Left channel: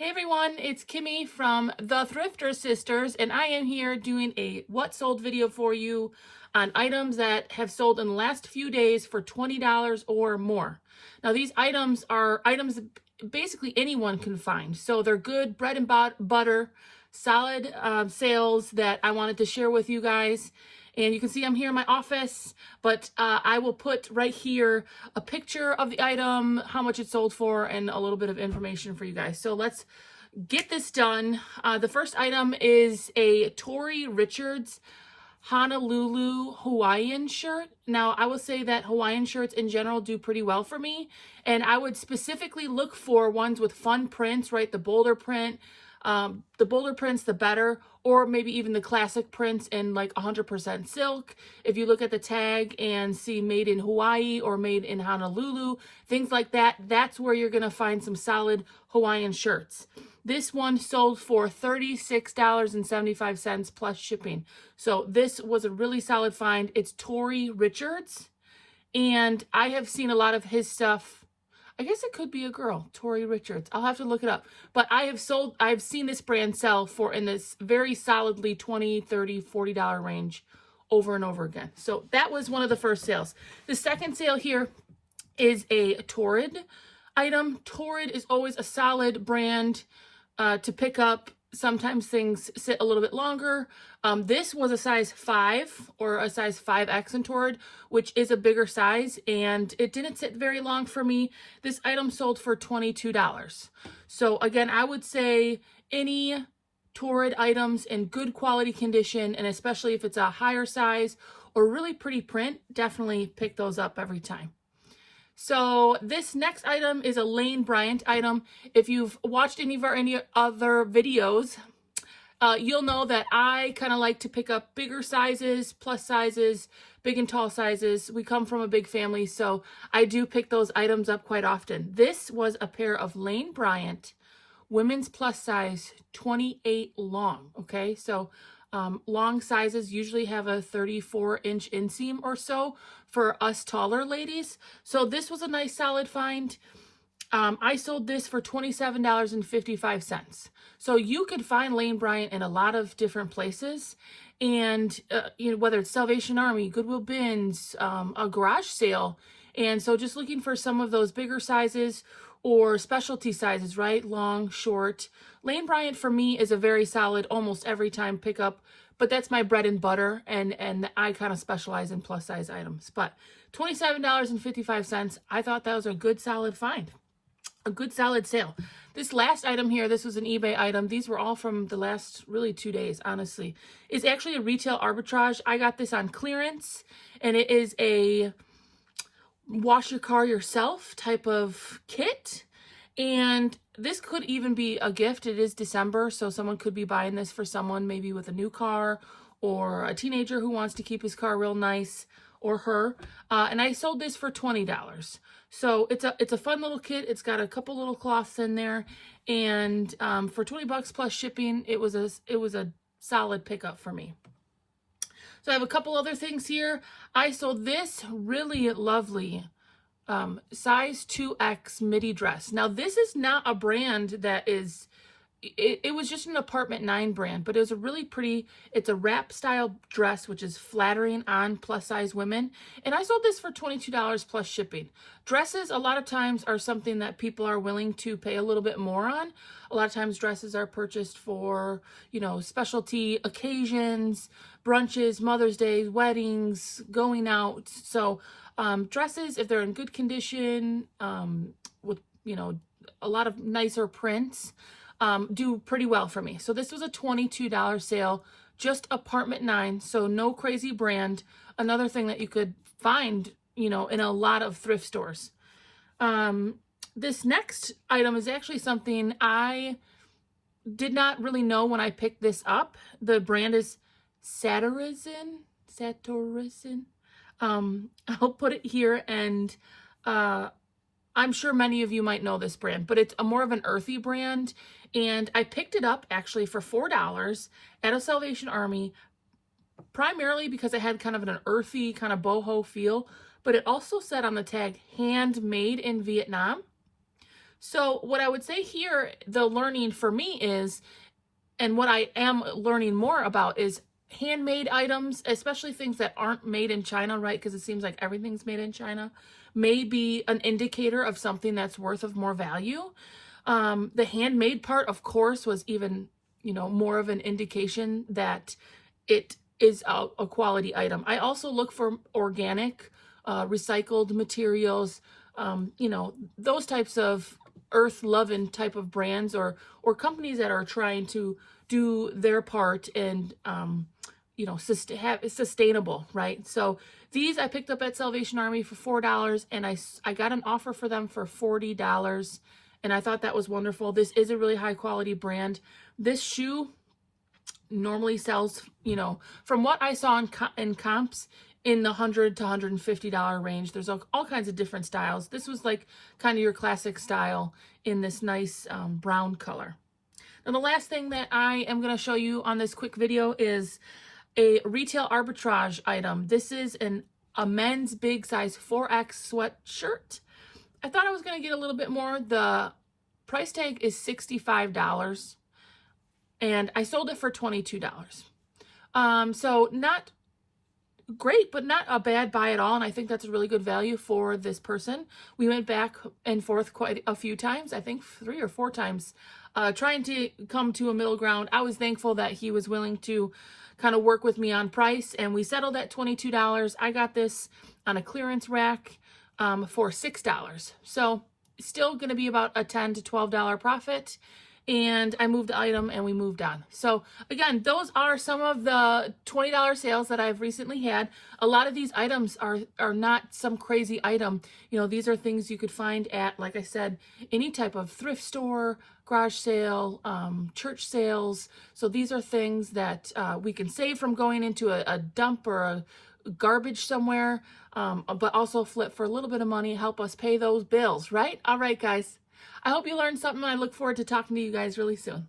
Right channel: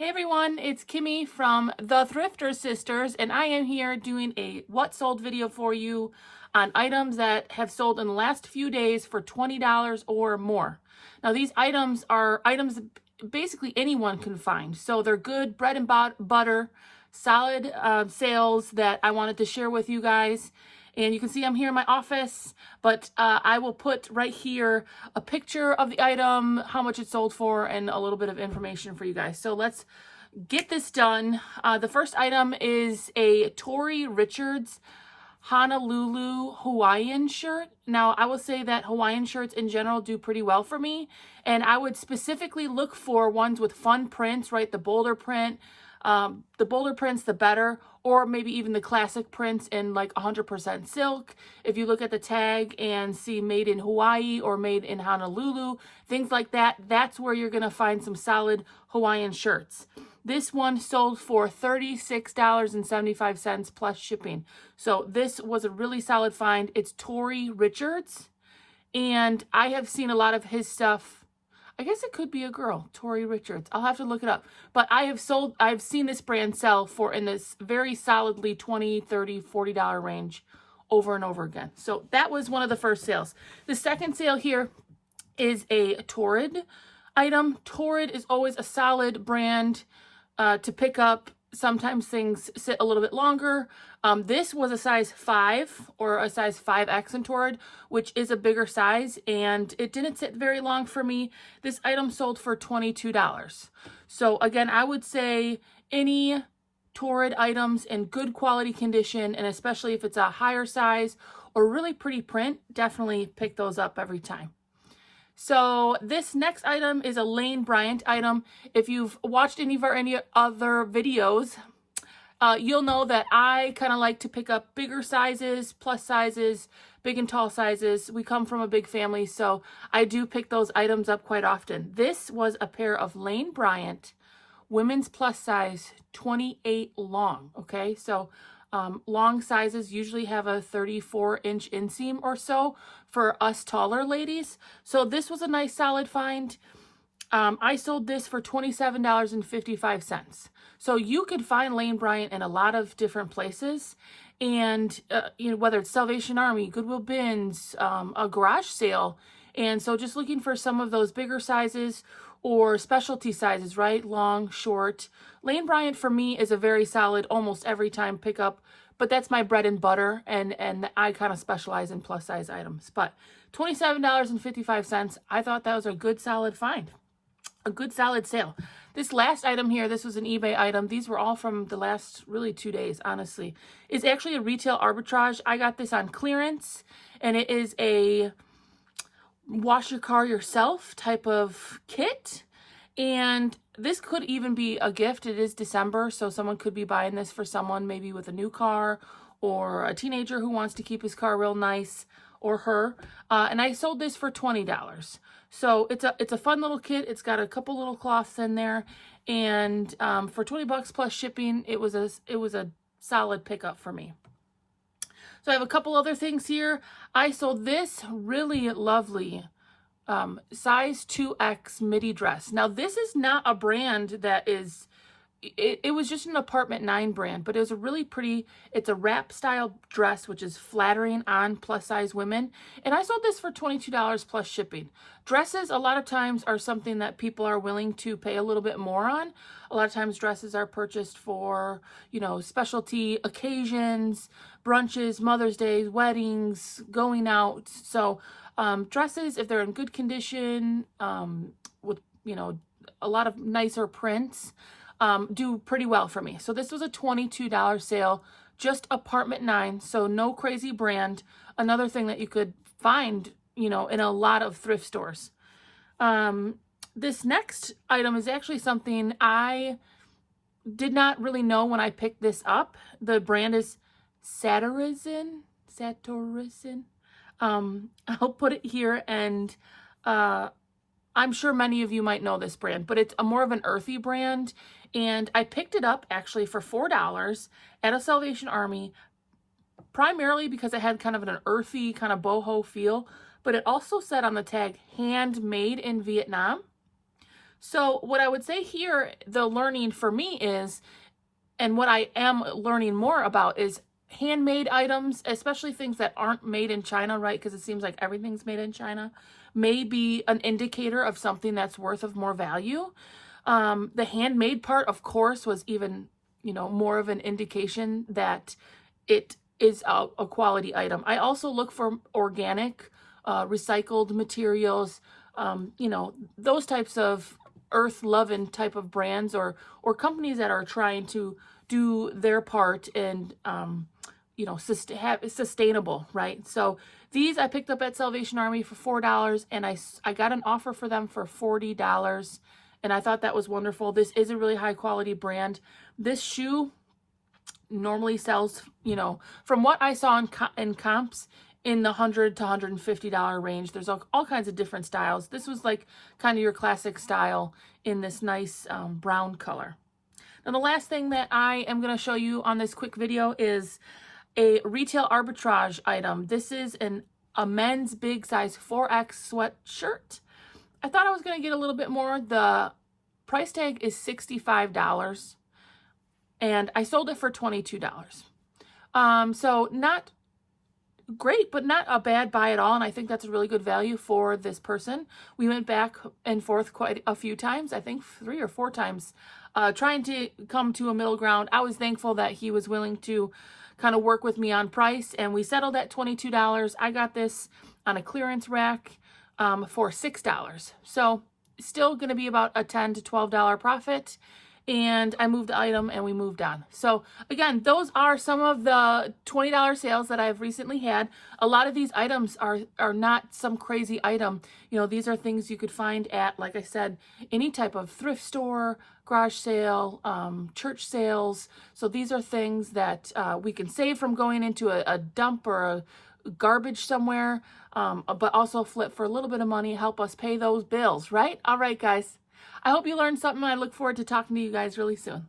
Hey everyone, it's Kimmy from the Thrifter Sisters, and I am here doing a what sold video for you on items that have sold in the last few days for $20 or more. Now these items are items that basically anyone can find, so they're good bread and butter, solid sales that I wanted to share with you guys. And you can see I'm here in my office, but I will put right here a picture of the item, how much it sold for, and a little bit of information for you guys. So let's get this done. The first item is a Torrey Richards Honolulu Hawaiian shirt. Now, I will say that Hawaiian shirts in general do pretty well for me, and I would specifically look for ones with fun prints, right? The bolder print. The bolder prints, the better, or maybe even the classic prints in like 100% silk. If you look at the tag and see made in Hawaii or made in Honolulu, things like that, that's where you're going to find some solid Hawaiian shirts. This one sold for $36.75 plus shipping. So this was a really solid find. It's Torrid Richards, and I have seen a lot of his stuff. I guess it could be a girl, Torrid Richards. I'll have to look it up. But I've seen this brand sell for in this very solidly $20, $30, $40 range over and over again. So that was one of the first sales. The second sale here is a Torrid item. Torrid is always a solid brand to pick up. Sometimes things sit a little bit longer. This was a size 5 or a size 5X in Torrid, which is a bigger size, and it didn't sit very long for me. This item sold for $22. So again, I would say any Torrid items in good quality condition, and especially if it's a higher size or really pretty print, definitely pick those up every time. So this next item is a Lane Bryant item. If you've watched any other videos, you'll know that I kind of like to pick up bigger sizes, plus sizes, big and tall sizes. We come from a big family, so I do pick those items up quite often. This was a pair of Lane Bryant women's plus size 28 long, okay? So long sizes usually have a 34-inch inseam or so for us taller ladies. So this was a nice solid find. I sold this for $27.55. So you could find Lane Bryant in a lot of different places. And, whether it's Salvation Army, Goodwill Bins, a garage sale. And so just looking for some of those bigger sizes or specialty sizes, right? Long, short. Lane Bryant for me is a very solid, almost every time pickup, but that's my bread and butter, and I kind of specialize in plus size items. But $27.55, I thought that was a good solid find, a good solid sale. This last item here, this was an eBay item. These were all from the last really 2 days, honestly. It's actually a retail arbitrage. I got this on clearance, and it is a wash your car yourself type of kit. And this could even be a gift. It is December, so someone could be buying this for someone maybe with a new car or a teenager who wants to keep his car real nice, or her. And I sold this for $20. So it's a fun little kit. It's got a couple little cloths in there, and for $20 plus shipping, it was a solid pickup for me. So I have a couple other things here. I sold this really lovely size 2X midi dress. Now this is not a brand that is, it was just an Apartment 9 brand, but it was a really pretty, it's a wrap style dress, which is flattering on plus size women. And I sold this for $22 plus shipping. Dresses a lot of times are something that people are willing to pay a little bit more on. A lot of times dresses are purchased for, specialty occasions, brunches, Mother's Day, weddings, going out. So dresses, if they're in good condition, with, a lot of nicer prints, do pretty well for me. So this was a $22 sale, just Apartment 9, so no crazy brand. Another thing that you could find, in a lot of thrift stores. This next item is actually something I did not really know when I picked this up. The brand is Satirizin. I'll put it here, and I'm sure many of you might know this brand, but it's more of an earthy brand. And I picked it up actually for $4 at a Salvation Army, primarily because it had kind of an earthy kind of boho feel, but it also said on the tag, handmade in Vietnam. So what I would say here, the learning for me is, and what I am learning more about is handmade items, especially things that aren't made in China, right? Because it seems like everything's made in China, may be an indicator of something that's worth of more value. The handmade part, of course, was even, more of an indication that it is a quality item. I also look for organic, recycled materials, those types of earth-loving type of brands or companies that are trying to do their part and, sustainable, right? So these I picked up at Salvation Army for $4, and I got an offer for them for $40, and I thought that was wonderful. This is a really high quality brand. This shoe normally sells, from what I saw in comps, in the $100 to $150 range. There's all kinds of different styles. This was like kind of your classic style in this nice brown color. Now, the last thing that I am going to show you on this quick video is a retail arbitrage item. This is a men's big size 4X sweatshirt. I thought I was going to get a little bit more. The price tag is $65, and I sold it for $22. So not great, but not a bad buy at all. And I think that's a really good value for this person. We went back and forth quite a few times, I think 3 or 4 times, trying to come to a middle ground. I was thankful that he was willing to kind of work with me on price, and we settled at $22. I got this on a clearance rack for $6. So still going to be about a $10 to $12 profit. And I moved the item and we moved on. So again, those are some of the $20 sales that I've recently had. A lot of these items are not some crazy item. These are things you could find at, like I said, any type of thrift store, garage sale, church sales. So these are things that we can save from going into a dump or a garbage somewhere, but also flip for a little bit of money, help us pay those bills, right? All right, guys. I hope you learned something. I look forward to talking to you guys really soon.